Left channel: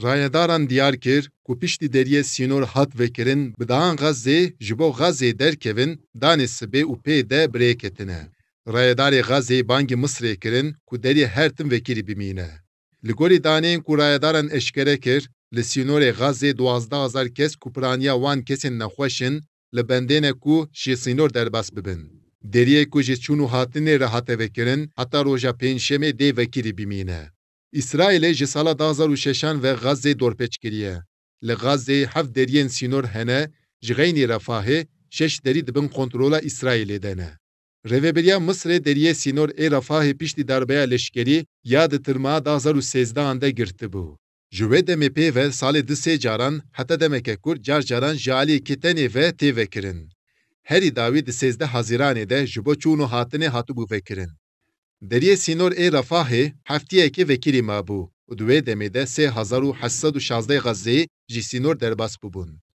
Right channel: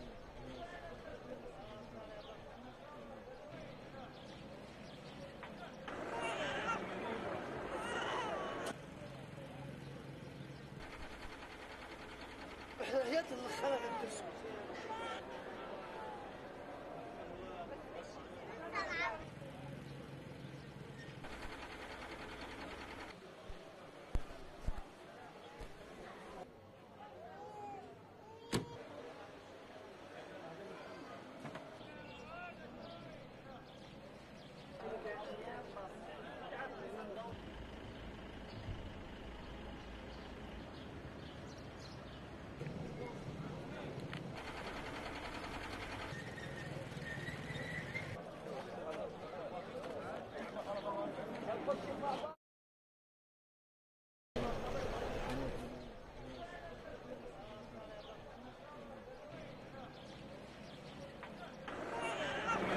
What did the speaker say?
Rayedaran diyar kir ku piştî deriyê sînor hat vekirin bi daan Gazê ji bo Gazê derkevin danê sibê û pê de birêk ketine. Rayedarê Gazê bangê Misrê kirin ku deriyê her tim vekirî bimîne. Li gorî daneyên ku rayedaran eşkere kir, li sînorê Gazê 12,000 kes ku piraniya wan kesên nexweşin li bendêne ku ji sînor derbas bibin. Deriyê ku ji çûn û hatinê re hate vekirin, heta roja pênjşemê dê vekirî bimîne. İsraîlê ji sala 2006 ve Gazê dorpêç kiriye. Li Gazê hev deriyên sînor hene, ji xeynî Refahê 6 derî dibin kontrola İsraîlê de ne. Rêveberiya Misrê deriyê sînor ê Refahê piştî darbeya leşkerî ya di tirmaha 2013 de girtibû. Ji wê demê pê ve salê di sê caran heta demeke kur car caran ji aliyê ketenê ve tê vekirin. Herî dawî di 13 Haziranê de ji bo çûn û hatinê hatibû vekirin. Deriyê sînor ê Refahê heftiyekê vekirî mabû û di wê demê de 3816 Gazeyî ji sînor derbas bûbûn.